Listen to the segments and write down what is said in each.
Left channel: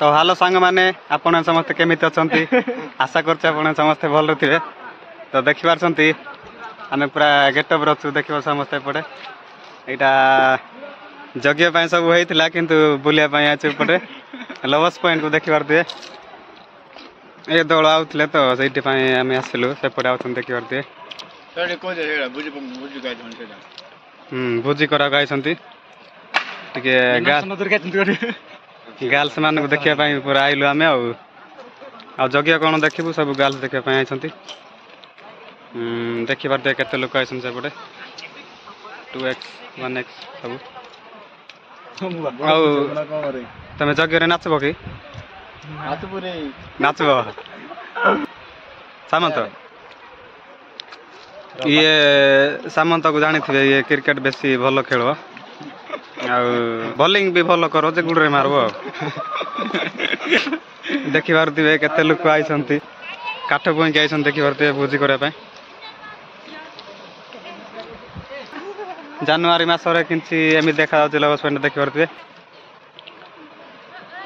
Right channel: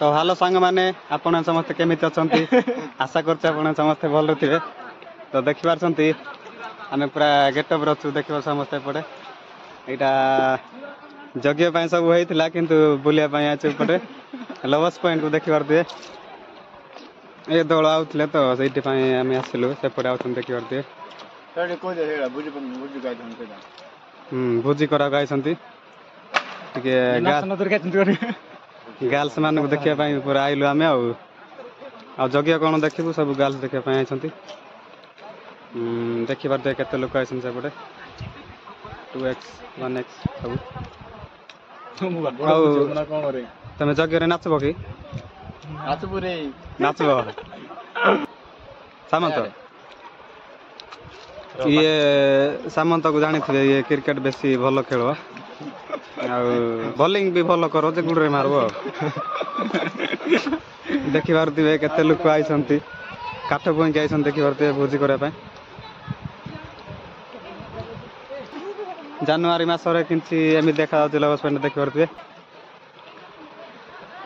तो हालो सांग माने आपण समस्त केमिति अछंती आशा करछ आपण समस्त भल थिबे तो देखि पारछंती आमे पूरा गेटअप रछु देखि समस्त पड़े एटा जगिया पय सब होइतिला किंतु बुलिया पय आछु पड़े लवस पॉइंट को देखि पारते ए दळ आउतले तो सेठी पय आमे आसिलु से पड़े आउछन देखि पारते तळे को जे बुझि बुझि गाय धन से बुझि करा गायछंती टिके गर्ल्स मान को देखिया पय पूरा आइलु आमे आ जगिया कोन देखिबु सब गर्ल्स देखिया पय आइछंती देखि पारते केते लोक आइछन से पड़े 2x 1x सब तमे जगिया रे नाचबो की नाचबो रे नाचबो सामंत ये सामंत को जानी थे ये क्रिकेट बेसी भल खेल बॉलिंग भी भल करो जे गुडरे मारबो देखि पारथिबे केते लोक आइसंती काठ बोई के आइसन देखि पारथिबे भोजी करे पय जनवरी मास रे किंची एमि देखा जाउछ लवस पॉइंट देखि पारथिबे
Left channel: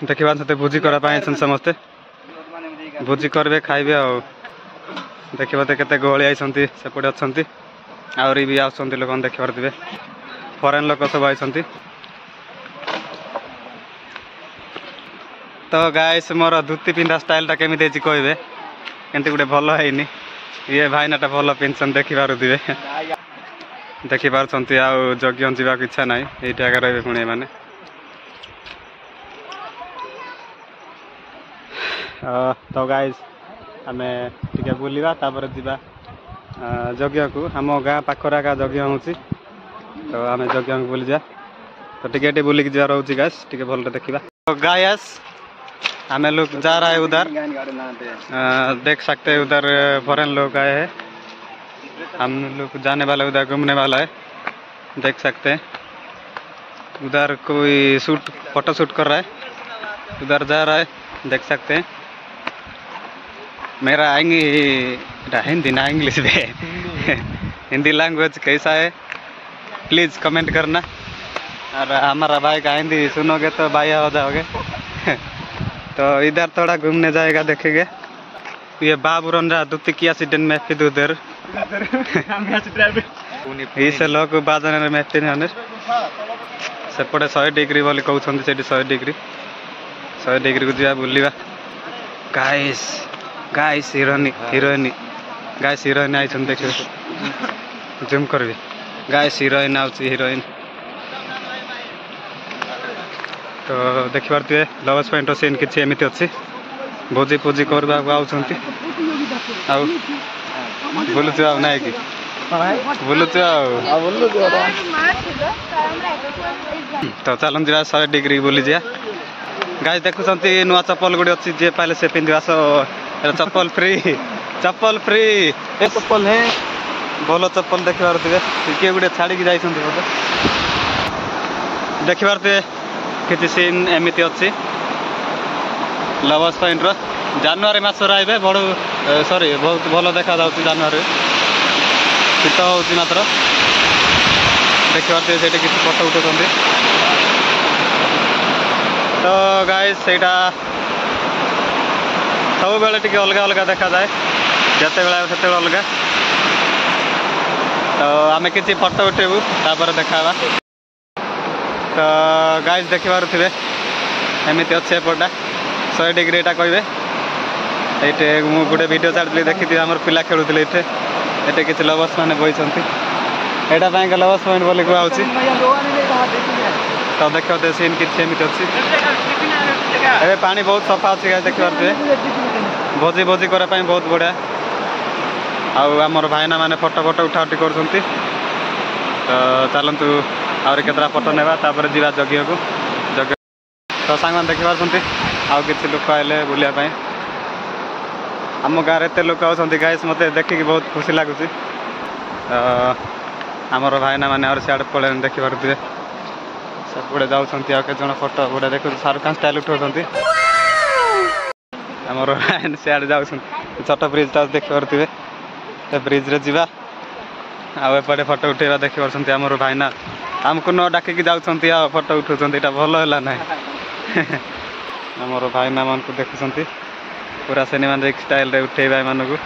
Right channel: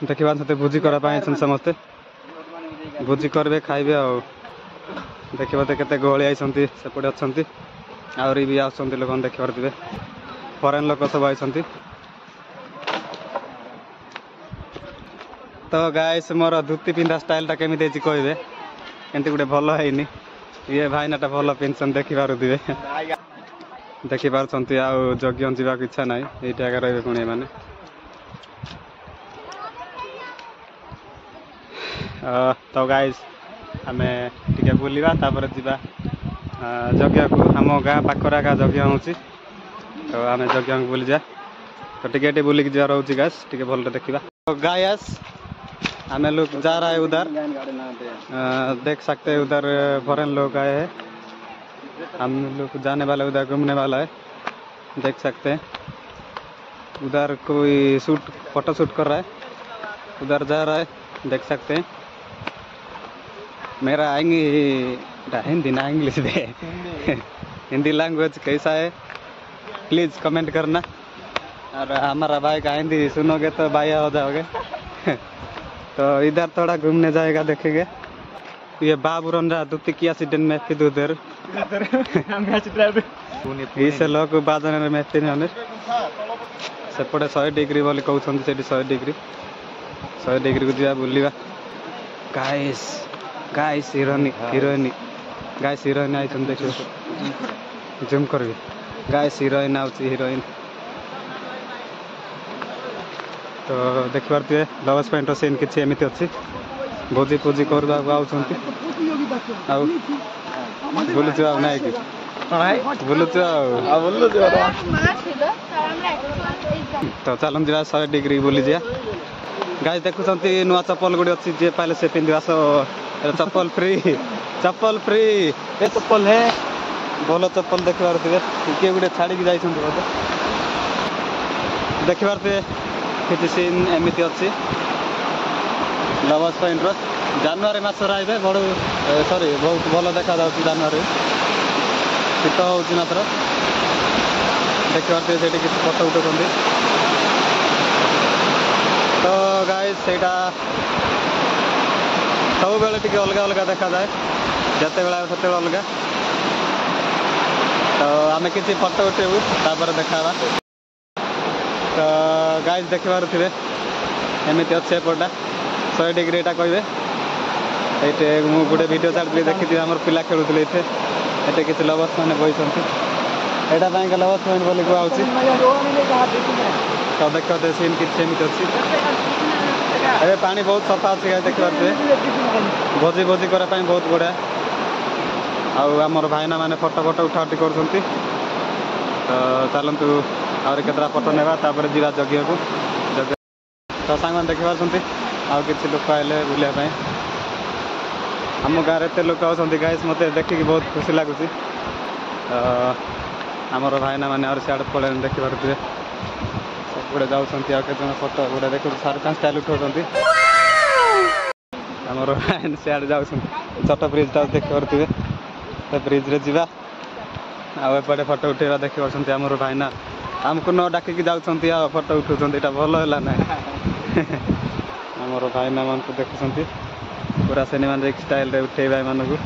देखि पारथते भोजी करे पय आइसन समस्त भोजी करबे खाइबे आ देखि पारते केते गहळी आइसंती सेपडे अछंती आउरी भी आउसंती लोक देखि पारथिबे फॉरेन लोक सब आइसंती तो गाइस मोर धुती पिंधा स्टाइल टा केमि देछि कहबे केनते गुडे भलो हैनी ये भाईनाटा भलो पेंशन देखि पारुथिबे देखि पारछंती आ जगियन जीवा के इच्छा नाही एटा का रहबे पुणे माने तो गाइस आमे टिके बुलिबा तापर जीवा जगिया को हम गाँ पाखरा का जगिया होची तो आमे जगिया को बुली जा तो टिके बुली के जा रहउची गाइस टिके भल देखिबा तो गाइस हमें लोग जा रहा है उधर देख सकते हैं उधर फॉरेन लोग आए हैं हम लोग जाने वाला उधर घूमने वाला है देख सकते हैं उधर कोई फोटो शूट कर रहा है उधर जा रहा है देख सकते हैं मेरा हिंदी ना इंग्लिश में हिंदी लैंग्वेज कैसा है प्लीज़ कमेंट करना और हमारा भाई का हिंदी सुनोगे तो बाया हो जाओगे तो इधर थोड़ा घूमने जाएगा देखेंगे ये बाबू रंजा दुती की एक्सीडेंट में फिर उधर इसे लोग बाजार में फिर सेपटे 100 डिग्री बोली कहते से 100 डिग्री को जा बुलवा guys guys heroine guys heroine आई देखिए जूम करबी गाइस हिरोइन आउची हिरोइन तो देखि पारथिबे लवस पॉइंट सीन किछि एमिति अछि भोजी पूजी करबा आउछंती आ बोलुछु आ नाइ कि बोलुछु आ बोलुछु तो चलन दिवा 100 डिग्री बोली जा गाइस देखुछंती नुआ चप्पल गुडी अछि जे पाले से पिंदिवा सो चप्पल फ्री ए चप्पल है बोलो चप्पल देखि पारथिबे के गुडी छाडी कि जाइछंती बोले देखि पारथिबे किछि सीन एमिति अछि लवस पॉइंट रो जनवरी मास आइबे बड़ सॉरी बहुत भलो देखा जाउछि जनवरी शीत होउछि मात्र देखि पारथिबे सेठी किछि फोटो उठौछंती तो गाइस सेटा सब बेले टिके अलग अलग देखा जाए जते बेला सेते अलग तो आमे किछि फोटो उठेबु तापर देखाबा तो गाइस देखि पारुथिबे एमिति अच्छे एपटा 100 डिग्री एटा कहबे एटे मु गुडे वीडियो छाडली देखिथि हमर पिला खेलुथिले एटे किछि लवस माने बइसंती एटा बैंक लवस पॉइंट बोली को आउची तो देखो दे सीन किछि एमिति अछि एबे पानी बहुत सफा अछि गाइस देखि पारुथिबे भोजी करा पय बहुत बढिया आ हमर भाईना माने फोटो उठा उठी करछंती तो चलंतु और केतरा फोटो नेबा तापर जीवा जगिया को जग तो सांगमान देखि पारछंती आ किछि लोक आइले बुलिया पय हम गारे ते लोक आछंती गाइस मते देखि कि बहुत खुशी लागुची हमर भाईना माने और साइड पळे देखि पारुथिबे सब गुडे जाउछंती आ के जण फोटो गुडे देखु शाहरुख खान स्टाइल उठौछंती हमर भाईना साइड जाउछंती छोट ब्रिज ता देखि पारुथिबे ते ब्रिज रे जीवा आ एपटे फोटो उठेबा देखि पारछंती हमर भाईना हमको न डाकी जाउछंती आ फोटो उठौछंती एटा भलो होला नै आमर भाईना मान को देखुंत पूरा सिनेमैटिक स्टाइल रे उठे भाई मान को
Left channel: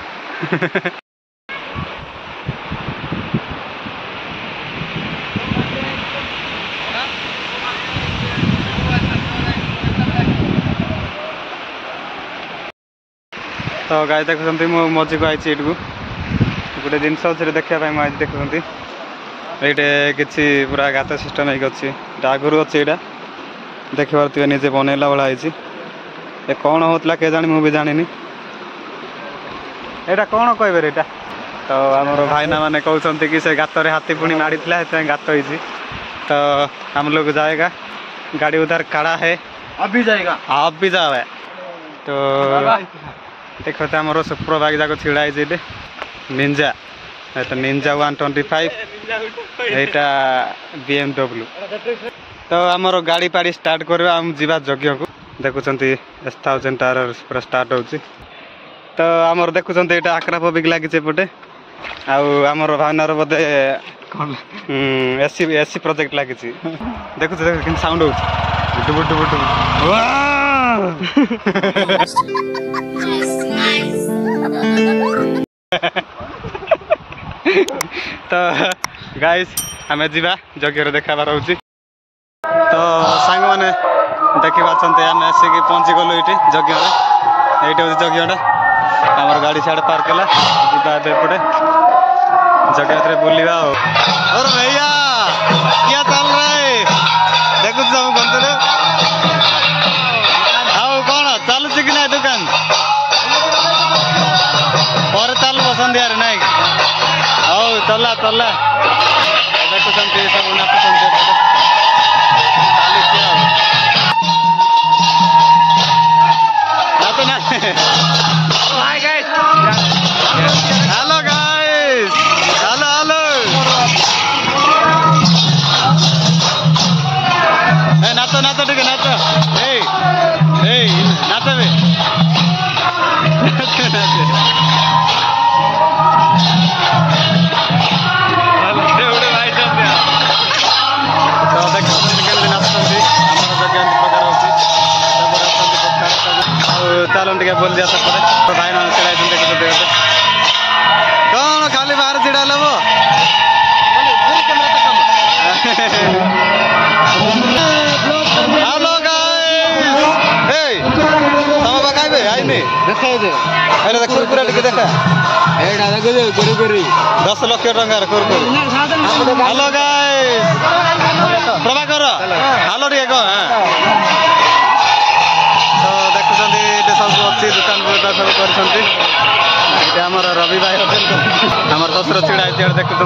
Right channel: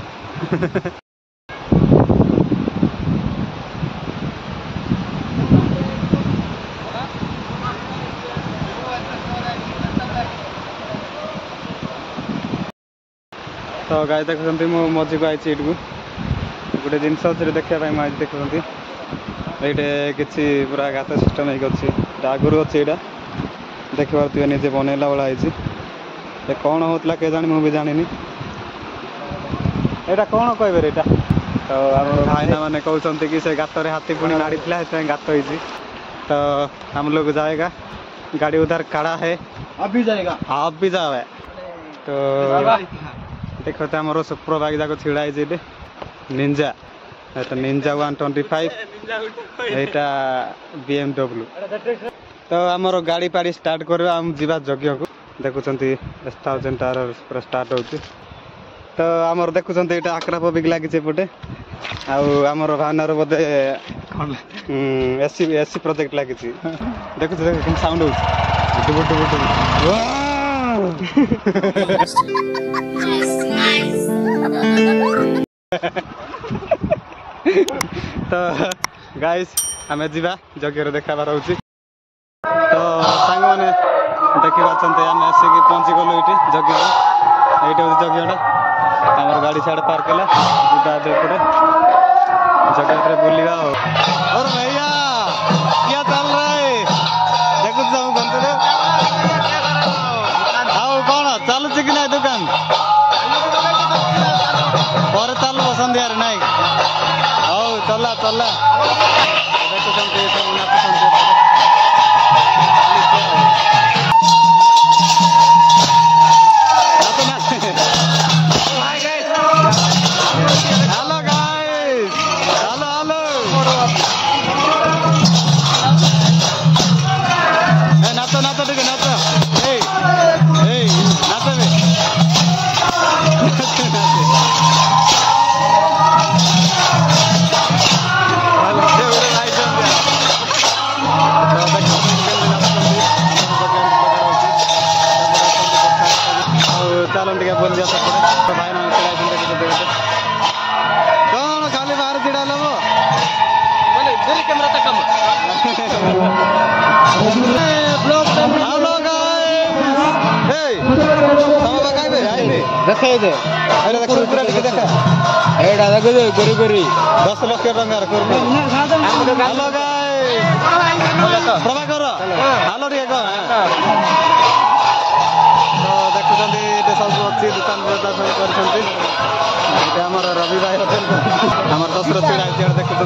तो गाय देखुंत मु मझी को आई गोटे जिन देखा आज देखुंत ये किसी पूरा गात सिस्टम अच्छी आगुरी अच्छी यहाँ देखिए निजे बनैला भाई ये कौन होता के जानी मुझे जानी यहाँ कौन कहे यहाँ तो आमर भाईना मैंने कहते कि से गात हाथी पुणी माड़ी गात होती तो हम लोग जाएगा गाड़ी उधर खड़ा है अभी जाएगा आप भी जाओ तो देखो तो आमर सुपर बाइक जाक छिड़ा है निंजा तो निंजा 125 यहाँ BMW तो आमर गाड़ी पाड़ी स्टार्ट करवा आम जीवा यज्ञ को देखुं S1000 टायर पूरा स्टार्ट होची तो आमर देखुं यहाँ आक्राप बिग लगी एपटे आमर भावनार बोधे एसी प्रोजेक्ट लगी देखु देख साउंड हो बुटु बुटु तो गाइस आम जीवा यज्ञ देखाबार हो तो सांग मैंने देखी आम आसिक पहुँची गलु ये यज्ञ ये यज्ञटा आमर गाड़ी साढ़े पार्क है एपटे जगह भर बुलवा और भैया क्या चल रहा है देखु गंतरे आउ कौन चलुच कि ना दुकान पर चलो सन्ध्या नाई हौ चला चला देखुं सब नाचुं हेलो गाइस हेलो हेलो नाचो नाचो ठीक है नाचो नाचो भी भाई तो देखते नाचुंट चलो टे बोल दिया सेपटे तो भाई मान खेल देखते कौन खाली बाहर छिड़ा लब हेलो तम पकाइबे आईनी देखा कुरकुरा टिके देखा 10 लाख टंकार कुरकुरी हेलो गाइस प्रभाकर हेलो टे तो देखुं सब अच्छी दुकान सब कर रवि भाई होटेल आम शशुर छिड़ा है देखुं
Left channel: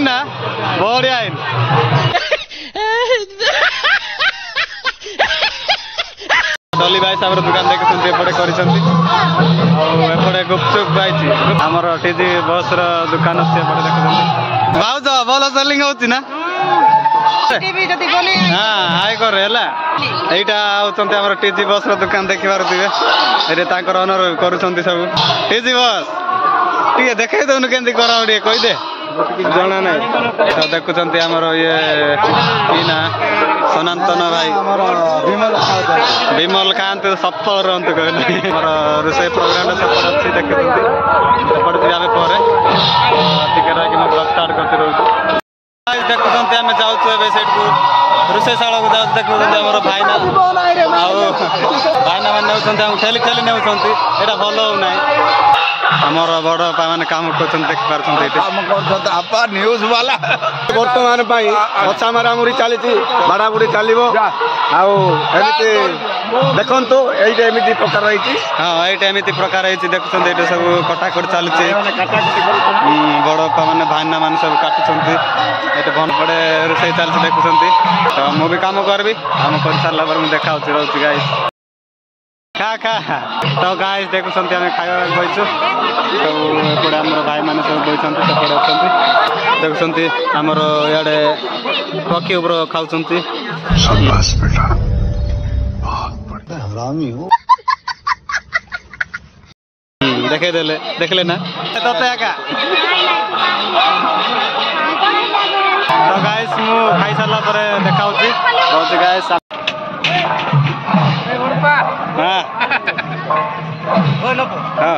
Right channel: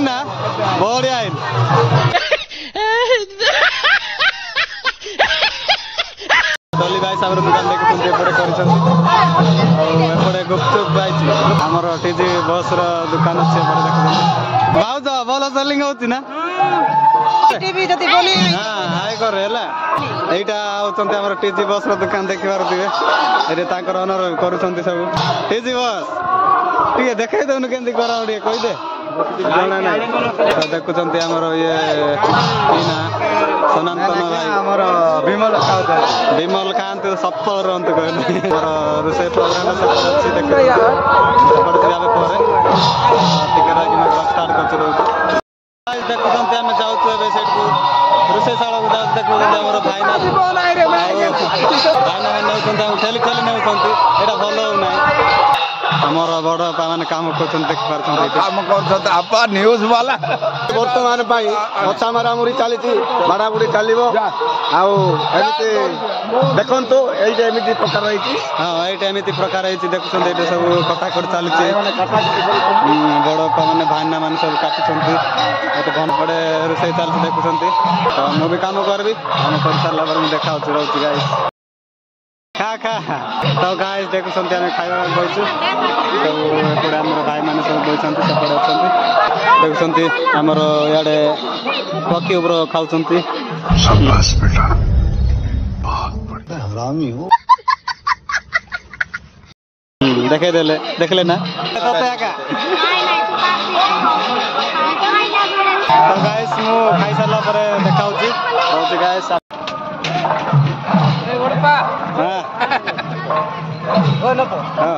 ना बढ़िया डली भाई साहब दुकान देखुं एपटे करपटे गुपचुप पाई आमर टीजी बस दुकान अच्छे देखुं भाज भल सेलिंग होती ना हाँ हाई कर यहाँ टीजी बस दुकान देखी पारे ये ओनर कर सब टीजी बस टे देखे दौन के कहीदे जना ना तो देखुं आमर ये ना सनातन भाई विमल खाते सफल रुहतु कहना रोषे प्रोग्राम अच्छी देखते सेपटे जाए पर टिके रही स्टार्ट कर देखुं आम जाऊँ सेठ को रोषेशाला को जाऊँ देखुं भाईना भाईना मैंने ठेली ठेली ने यहाँ भल होना आमर बड़ मैंने काम कर देख पार्थ न्यूज वाला बर्तमान अच्छा मारामुरी चली बाड़ाबुड़ी चलो देखु ये प्रकार रही हाँ ये एमती प्रकार देखुं ये सब कटाकट चलती बड़ मैंने भाईना मान सब काटुंट ये भन पड़े रोषे चलती देखुं तो मुझे काम करी काम कर सारा पर मुझे देखा रोच गाइस खा खा तो गाइस देखुं आम खावा बैचु तो एपटे आम भाई मैंने सब बैठे सेपटे अच्छा देखुं आमर इे पक्षी उपर खाऊँ देखे देले देखले ना तते एका तो गाइस मु खाई सारला परे देखाउची रहउची गाइस हां ओ लपो हां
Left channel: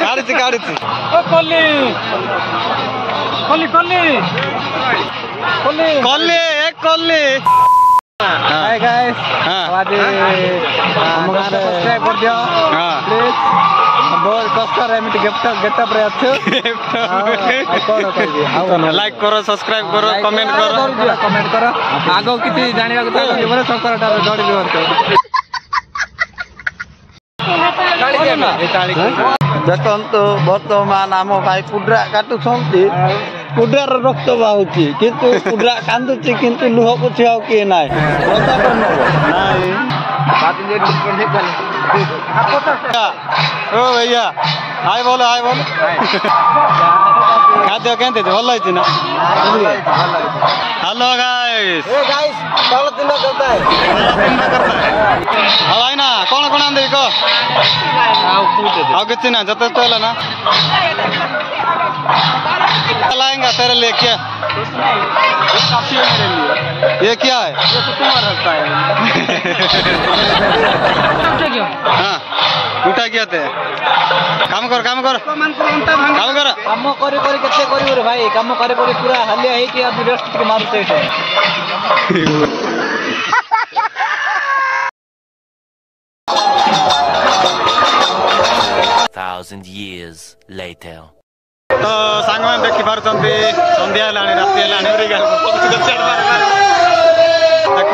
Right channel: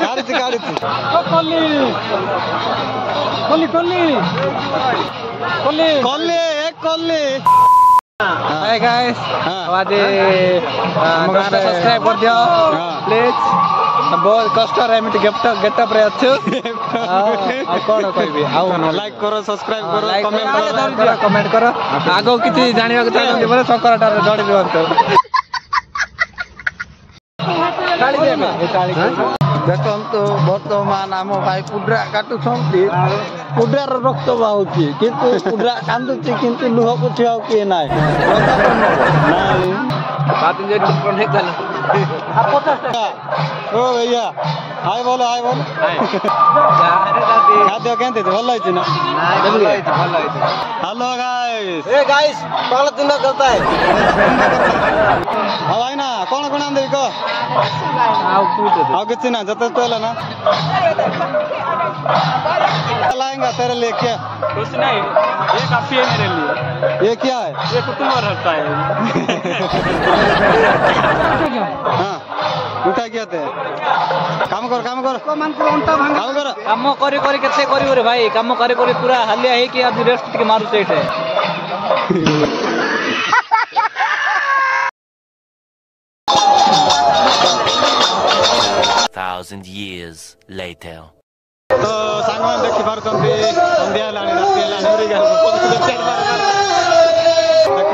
काढिची काढिची कोल्ली कोल्ली कोल्ली कोल्ली कोल्ली एक कोल्ली हाय गाइस आवाज सब्सक्राइब कर दियो प्लीज बहुत कष्ट रे एमिति गेटअप रे अच्छो कोन कहबी लाइक करो सब्सक्राइब करो कमेंट करो आगो किछि जानिबा के चाहि बोले सकरटा रे जोड़ दियो देखନ୍ତୁ ବର୍ତ୍ତମାନ ଆମ ଭାଇ କୁଡ୍ରା କାଟୁଛନ୍ତି କୁଡ୍ରାର ରକ୍ତ ବାହୁଛି କିନ୍ତୁ କୁଡ୍ରା କାନ୍ଦୁଛି କିନ୍ତୁ ଲୁହ ପୋଛି ଆଉ କିଏ ନାହିଁ ओ भैया हाय बोलो खाद्य केंते भल होइछि ना हेलो गाइस ए गाइस पहला दिन करता है अब भाई ना कौन कौन आंदे को आओ कितना ना जत तो है ना लाएंगे तेरे लिए क्या कुछ नहीं ये काफी है मेरे लिए ये क्या है ये तो तुम्हारा रखता है हाँ उठा क्या थे काम कर काम कर केते करियो रे भाई काम करे पूरा हलिया है कि आज रेस्ट के मारू चेट 1,000 years later. तो सांग मैंने देखी पारुचंती संध्या हेलाणी राति हेलाणी देखी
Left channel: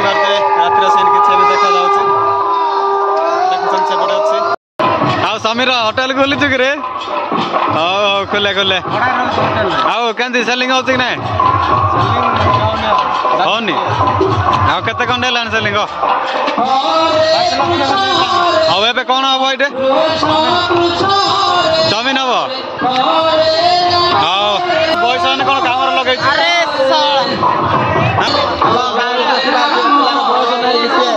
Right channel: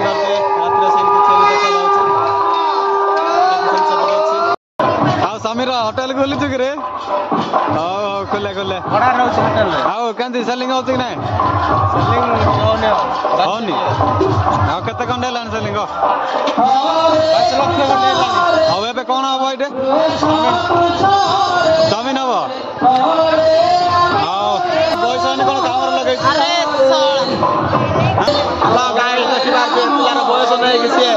पारुचे रातिर सीन किसी भी देखा जाउछि देखुछन सेपटे अछि आ समीर होटल खोली छु रे हां खोले खोले आओ केंदी सेलिंग होछि कि नै सेलिंग होनी आ केते कोन हेलाणी सेलिंग 5 लाख अब एबे कोन हबो एटे जमीन हबो आओ बॉयस ने कोन कामर लगै छि हेलो गाइस आशीर्वाद दो पुराना बॉयस ने किसी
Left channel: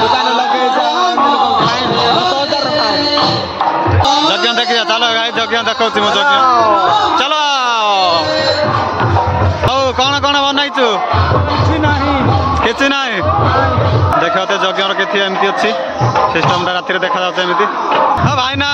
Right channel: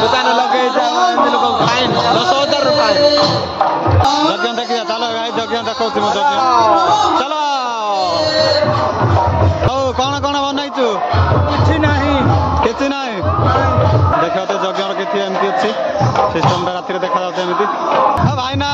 दुकान लगै छै इन लोग फाइन 10,000 रुपए जग्ञ देखिया चलो गाइस जग्ञ देखौ छि मो जग्ञ चलो ओ कोन कोन बनाई छु किछि नाही देखो तो जग्ञर के एमती अच्छी सिस्टम राति देखा जाता एमती हाँ भाई ना